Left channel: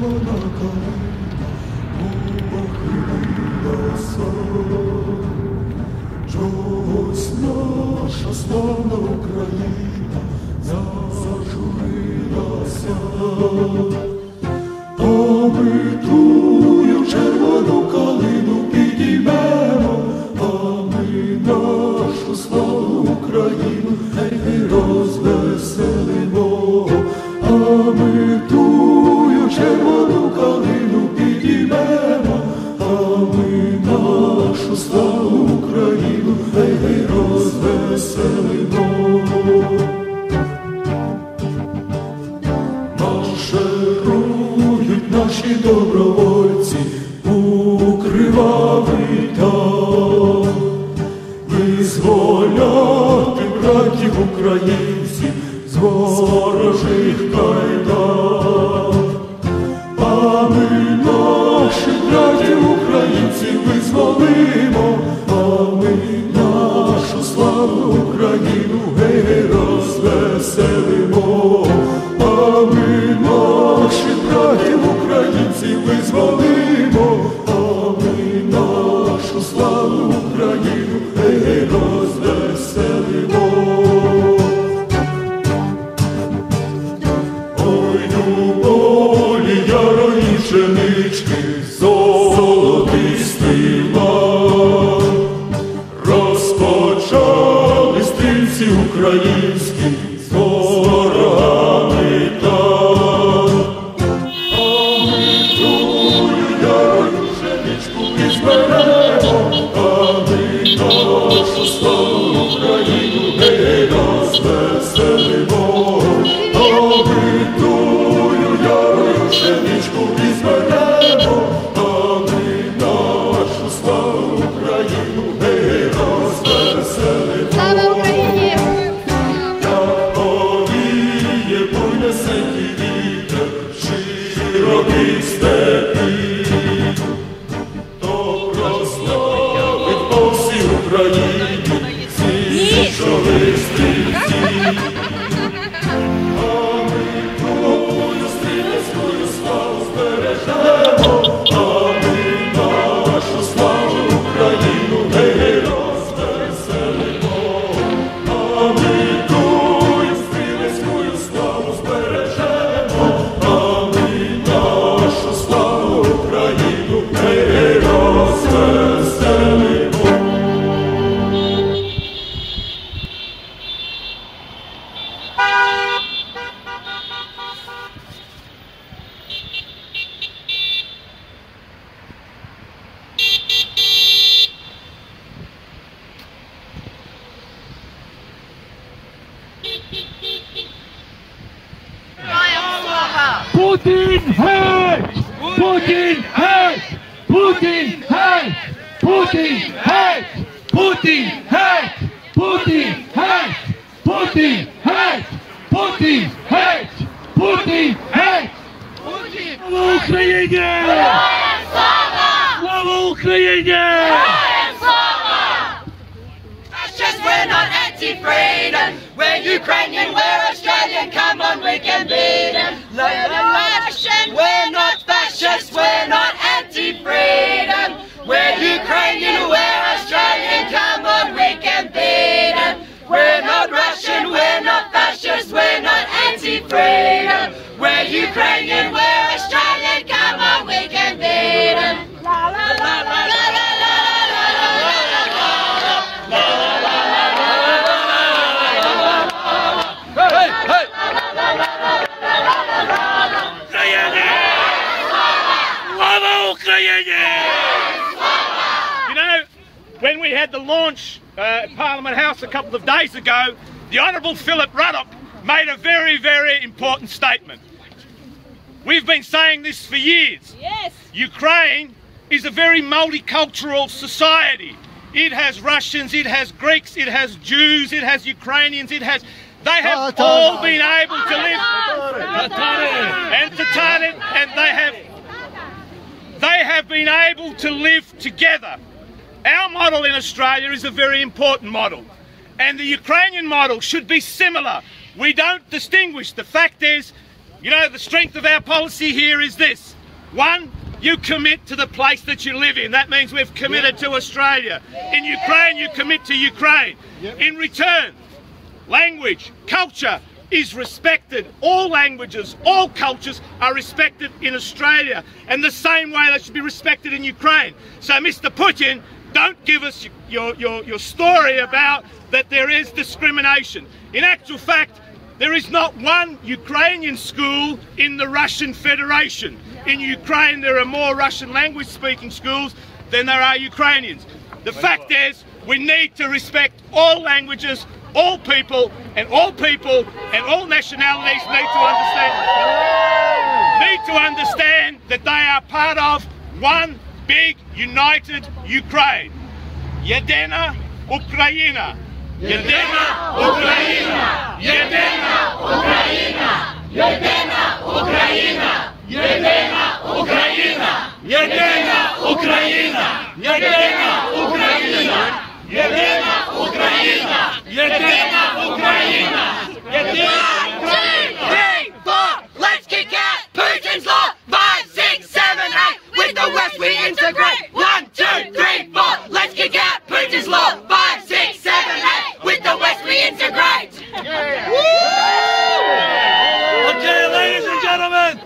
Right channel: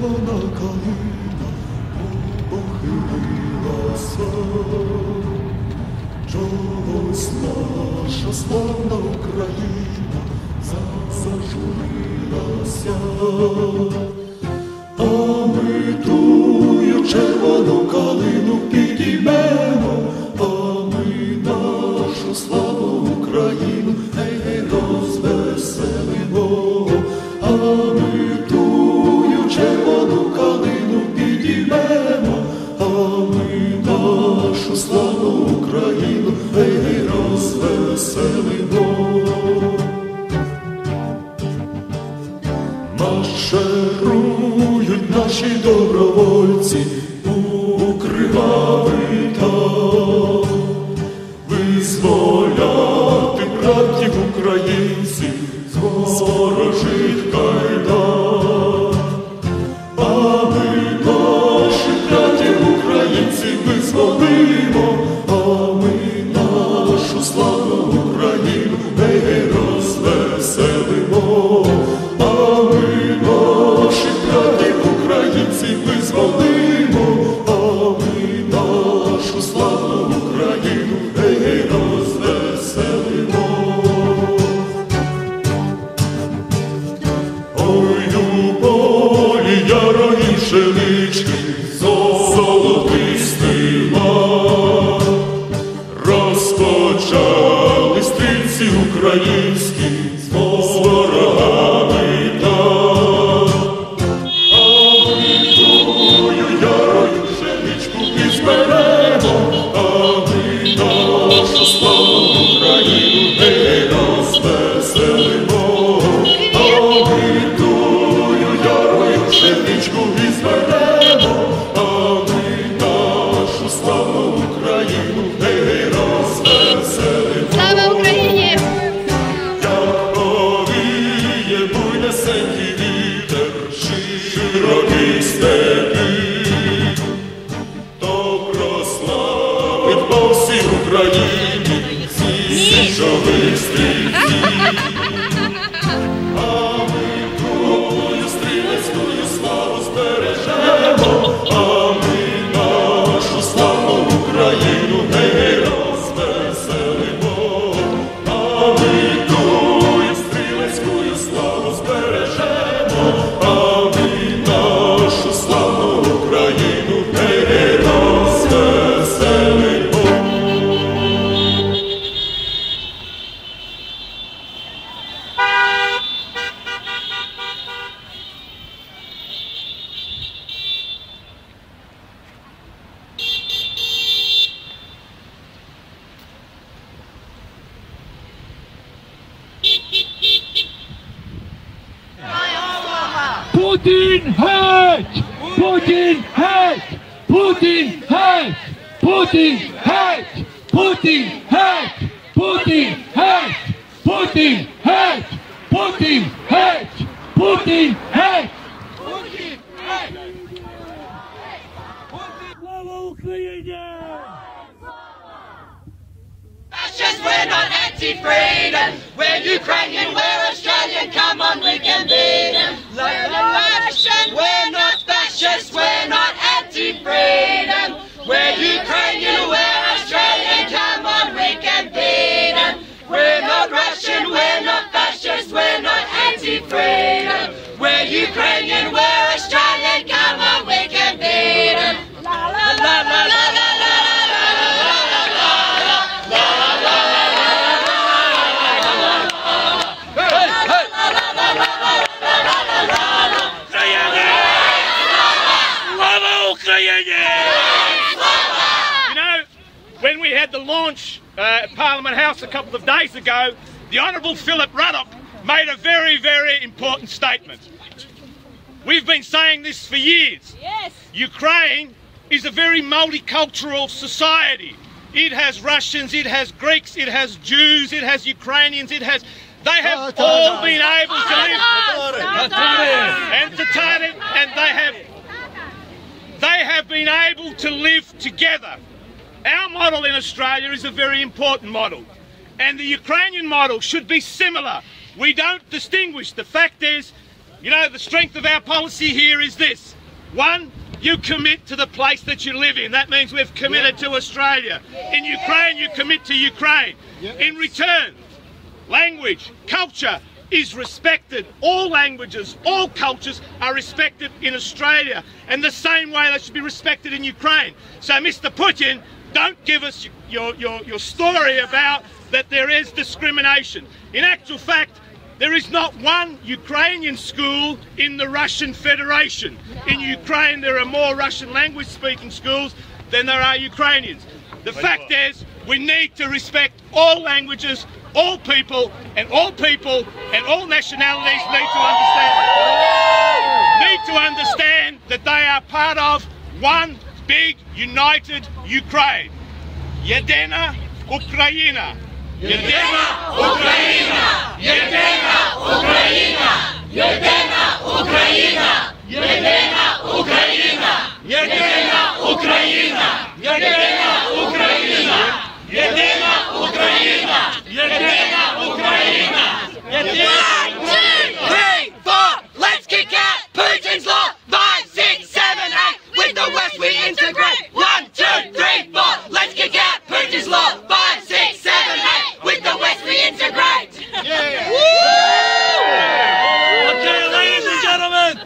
червона калина похилилася, чогось наша славна Україна зажурилася, а ми тую червону калину підіймемо, а ми нашу славну Україну гей-гей розвеселимо, а ми тую червону калину підіймемо, а ми нашу славну Україну гей-гей розвеселимо. Марширують наші добровольці у кривавий табор, визволяти братів українців з ворожих кайдан. А ми наших братів українців визволимо, а ми нашу славну Україну гей-гей розвеселимо. А ми наших братів українців визволимо, а ми нашу славну Україну гей-гей розвеселимо. Ой, у полі ярої пшенички золотистий лан, розпочали стрільці українські з ворогами там. А ми тую ярою пшеничку візьмемо, а ми нашу славну Україну гей розвеселимо. А ми тую ярою пшеничку візьмемо, а ми нашу славну Україну гей розвеселимо. Слава Україні! Як повіє буйнесенький вітер широких степів, то прославить по всій Україні січових стрільців. А ми тую стрілецькою славу збережемо, а ми нашу славу Україну гей розвеселимо. А ми тую стрілецькою славу збережемо, а ми нашу славу Україну гей розвеселимо. Putin hate! Putin hate! Putin hate! Putin hate! Putin hate! Putin hate! Putin hate! Putin hate! Putin hate! Слава Україні! Слава Україні! Just we're not anti-freedom, we're Ukrainian, we're Australian, come on we can beat them. We're not fascist, we're not anti-freedom, we're Ukrainian, we're Australian, come on we can beat them. We're not Russian, we're not fascist, we're not anti-freedom, we're Ukrainian, we're Australian, come on we can beat them. La la la la la la. You know, when we had the launch at Parliament House a couple of days ago, the Honourable Philip Ruddock made a very, very important statement. We've been saying this for years. Yes. Ukraine is a very multicultural society. It has Russians, it has Greeks, it has Jews, it has Ukrainians, it has... They have all been able to live... And Tatarian, and they have been able to live together. Our model in Australia is a very important model, and the Ukrainian model should be similar. We don't distinguish. The fact is, You know, the strength of our policy here is this. One, you commit to the place that you live in. That means we've committed to Australia. In Ukraine, you commit to Ukraine. In return, language, culture is respected. All languages, all cultures are respected in Australia, and the same way they should be respected in Ukraine. So, Mr. Putin, don't give us your story about that there is discrimination. In actual fact, there is not one Ukrainian school in the Russian Federation. In Ukraine, there are more Russian language speaking schools than there are Ukrainians. The fact is, we need to respect all languages, all people and all nationalities need to understand that they are part of one big united Ukraine. Yedina Ukraina. Yedina Ukraina. Yedina Ukraina. Yedina Ukraina. Yedina Ukraina. Yedina Ukraina. Yedina Ukraina. Yedina Ukraina. Yedina Ukraina. Yedina 1, 2, 3, 4. Let's kick out Putin's law. 5, 6, 7, 8. With the West we integrate. 1, 2, 3, 4. Let's kick out Putin's law. 5, 6, 7, 8. With the West we integrate. Okay, ladies and gentlemen,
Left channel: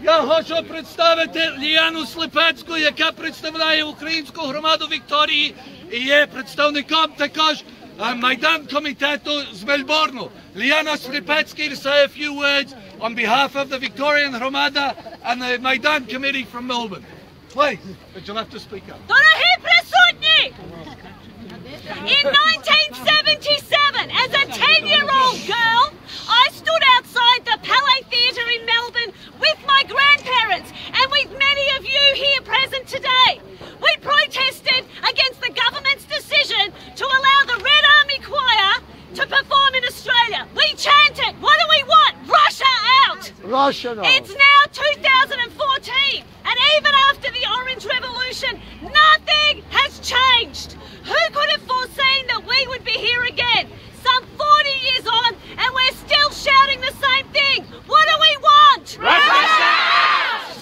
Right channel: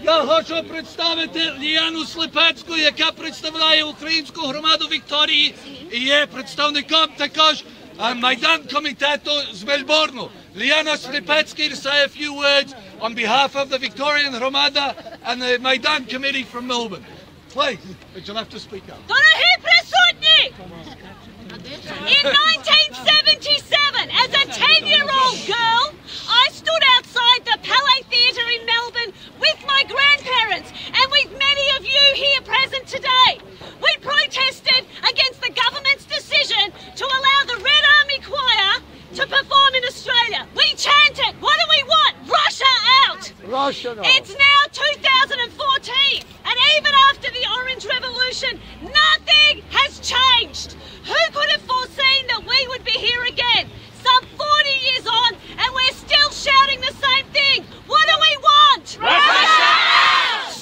я хочу представити Ліяну Сліпецьку, яка представляє українську громаду Вікторії і є представником також Майдан комітету з Мельбурну. Ліяна Сліпецька to say a few words on behalf of the Victorian Громада and the Майдан committee from Melbourne. Please, but you'll have to speak up. Дорогі присутні! In 1977, as a 10-year-old girl, I stood outside the Palais Theatre in Melbourne with my grandparents and with many of you here present today. We protested against the government's decision to allow the Red Army Choir to perform in Australia. We chanted, what do we want? Russia out! Russia out. It's now 2014, and even after the Orange Revolution, nothing has changed. Who could have foreseen that we would be here again? Some 40 years on, and we're still shouting the same thing. What do we want? Russia out!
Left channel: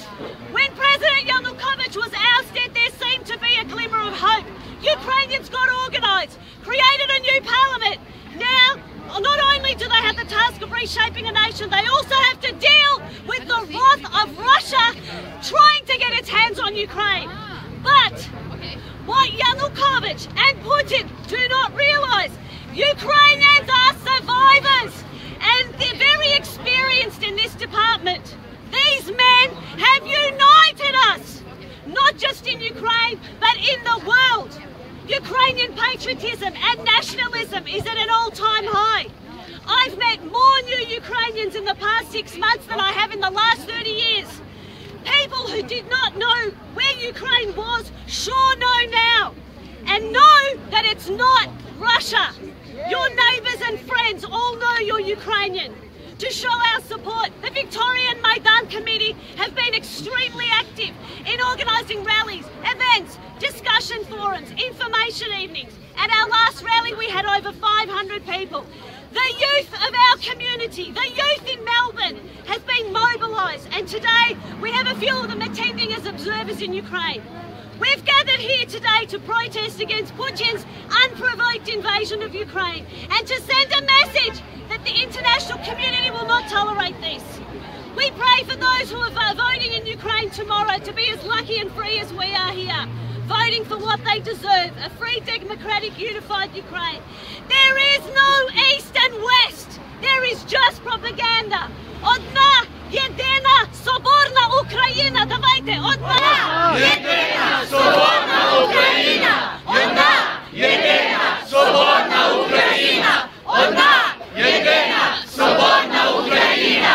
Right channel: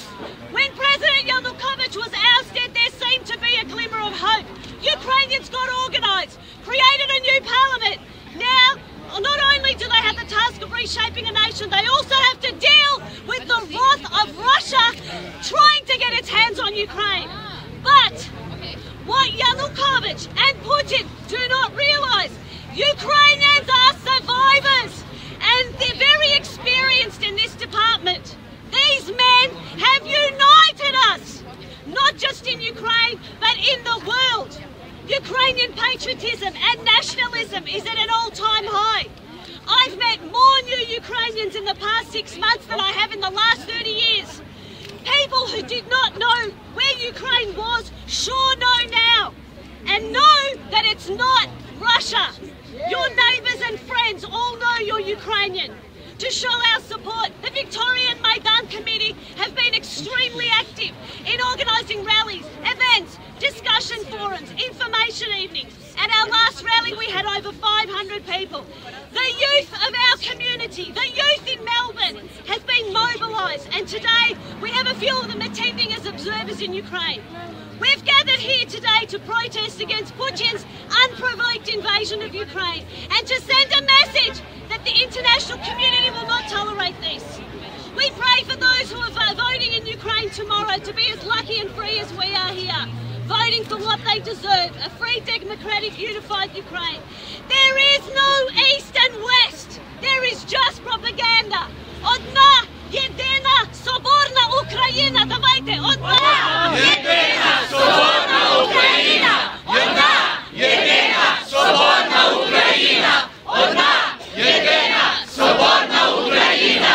When President Yanukovych was ousted, there seemed to be a glimmer of hope. Ukrainians got organised, created a new parliament. Now, not only do they have the task of reshaping a nation, they also have to deal with the wrath of Russia trying to get its hands on Ukraine. But what Yanukovych and Putin do not realise, Ukrainians are survivors and they're very experienced in this department. These men have united us, not just in Ukraine, but in the world. Ukrainian patriotism and nationalism is at an all-time high. I've met more new Ukrainians in the past 6 months than I have in the last 30 years. People who did not know where Ukraine was sure know now, and know that it's not Russia. Your neighbours and friends all know you're Ukrainian. To show our support, the Victorian Maidan Committee have been extremely active in organising rallies, events, discussion forums, information evenings. At our last rally we had over 500 people. The youth of our community, the youth in Melbourne has been mobilised, and today we have a few of them attending as observers in Ukraine. We've gathered here today to protest against Putin's unprovoked invasion of Ukraine and to send a message that the international community will not tolerate this. We pray for those who are voting in Ukraine tomorrow to be as lucky and free as we are here, voting for what they deserve, a free, democratic, unified Ukraine. There is no East and West. There is just propaganda. Одна, єдина, соборна Україна. Давайте, одна, єдина, соборна Україна. Одна, єдина, соборна Україна. Одна, єдина, соборна Україна.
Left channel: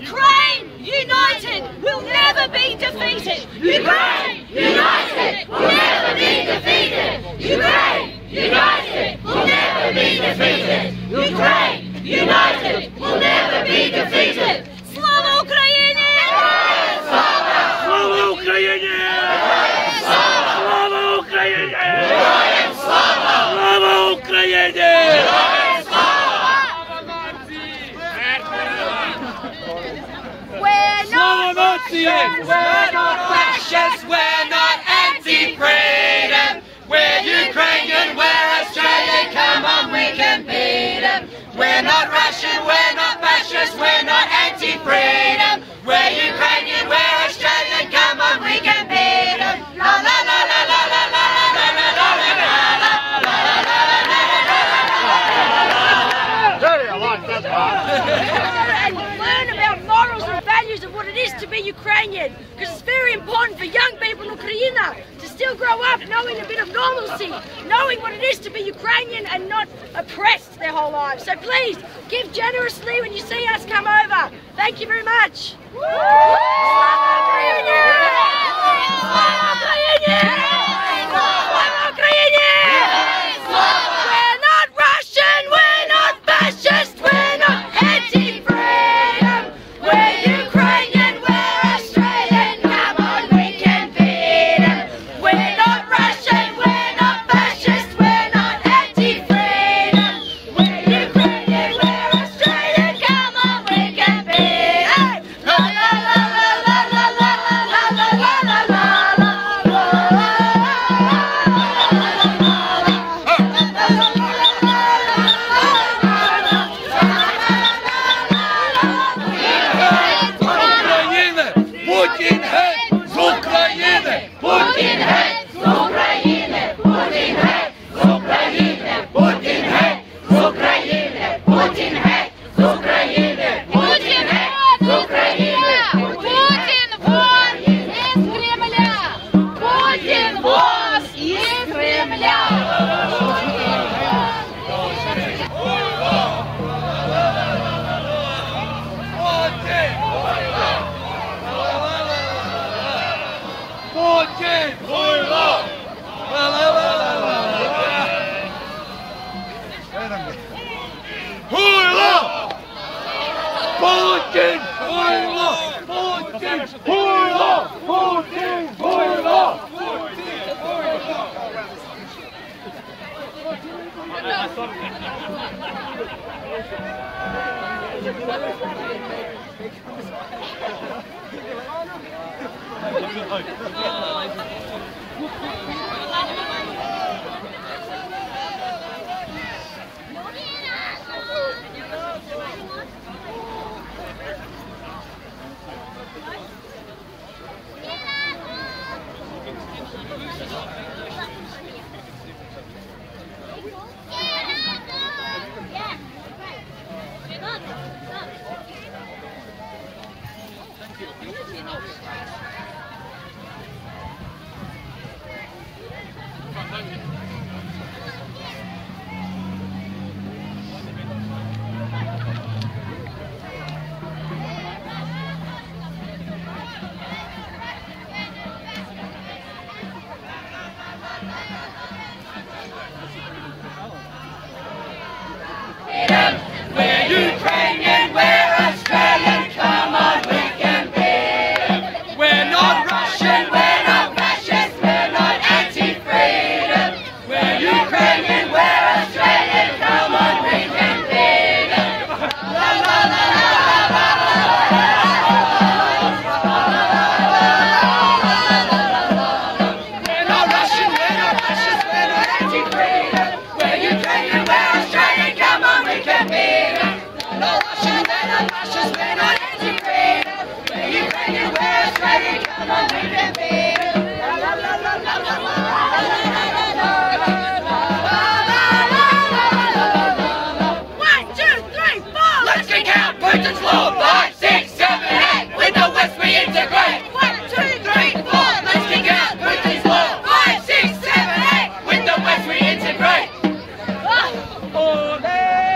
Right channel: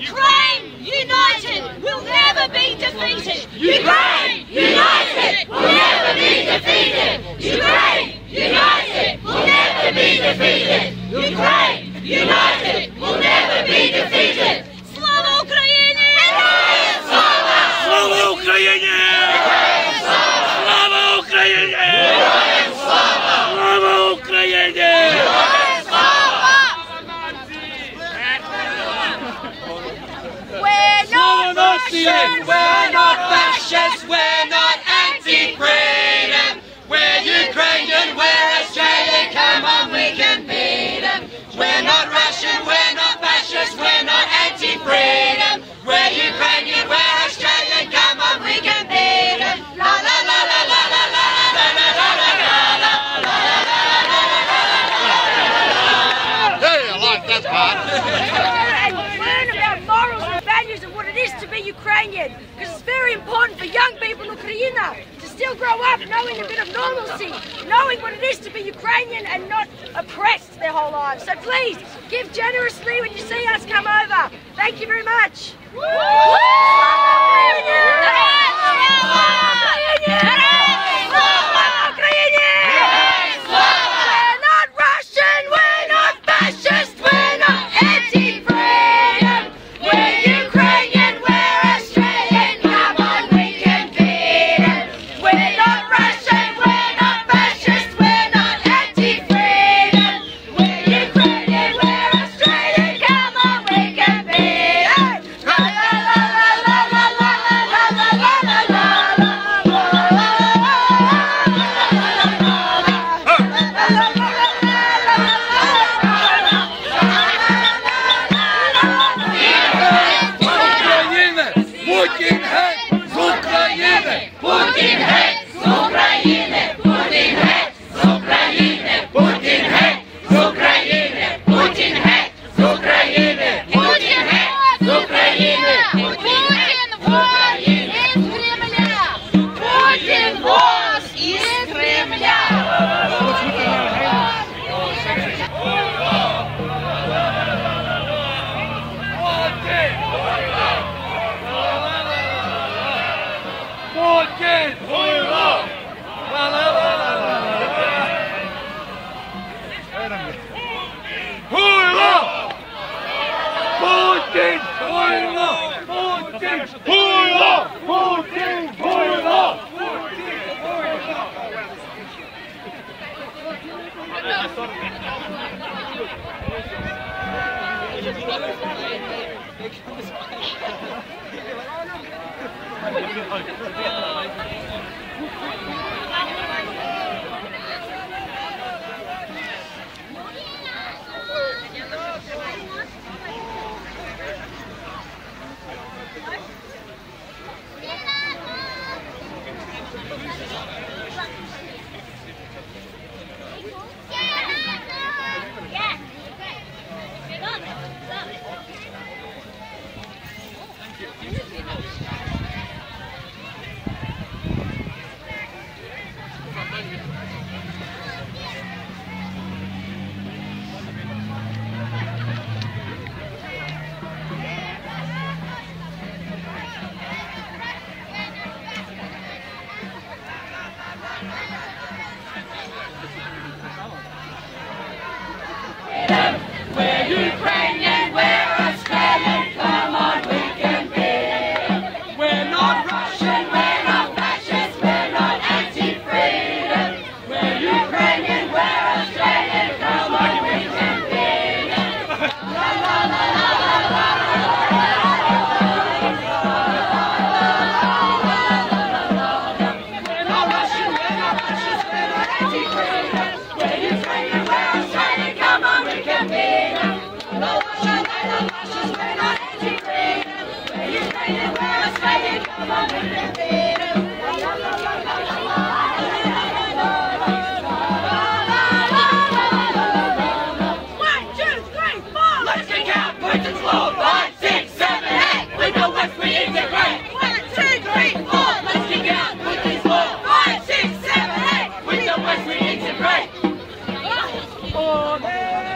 Ukraine united will never be defeated. Ukraine united will never be defeated. Ukraine united will never be defeated. Ukraine united will never be defeated. Slava Ukraini! Слава Україні! Слава Україні! Слава Україні! Yes. We're not fascists, we're not anti-freedom. We're Ukrainian, we're Australian, come on, we can beat them. We're not Russian, we're not fascist, we're not anti-freedom. We're Ukrainian, we're Australian, come on, we can beat them. La la la la la la la la la la la la la I like that part. And learn about morals and values and what it is to be Ukrainian, because it's very important for young people in Ukraine to still grow up knowing a bit of normalcy, knowing what it is to be Ukrainian and not oppressed their whole lives. So please, give generously when you see us come over. Thank you very much. Slava Ukraini! Slava Ukraini! Slava Ukraini! We're not Russian, we're not fascist, we're not anti-freedom. We're Ukrainian, we're Australian, come on, we can beat them. We're not Russian, we're not fascist, we're not anti-freedom. We're Ukrainian, we're Australian, come on, we can beat them. La la la la la la la la la la la la Путін геть з України! Путін геть з України! Путін геть з України! Путін геть з України! Путін геть з України! Путін геть з України! Путін вон із Кремля! Путін вон із Кремля! Путін! Хуйло! Хуйло! Путін! Хуйло! Путін! Хуйло! Путін! Хуйло! We're Ukrainian, we're Australian, come on, we can beat them. We're not Russian, we're not fascist, we're not anti-freedom. We're Ukrainian, we're Australian, come on, we can beat them. La la la la la We're not Russian, we're not fascist, we're not anti-freedom. We're Ukrainian, we're Australian, come on, we can beat them. No Russian, we're not fascist, we're not anti-freedom. We're Ukrainian, we're Australian, come on, we can beat them. La la la la la la la la. 1, 2, 3, 4. Let's kick out Putin's law. 5, 6, 7, 8. With the West we integrate. 1, 2, 3, 4. Let's kick out Putin's law. 5, 6, 7, 8. With the West we integrate. Ole!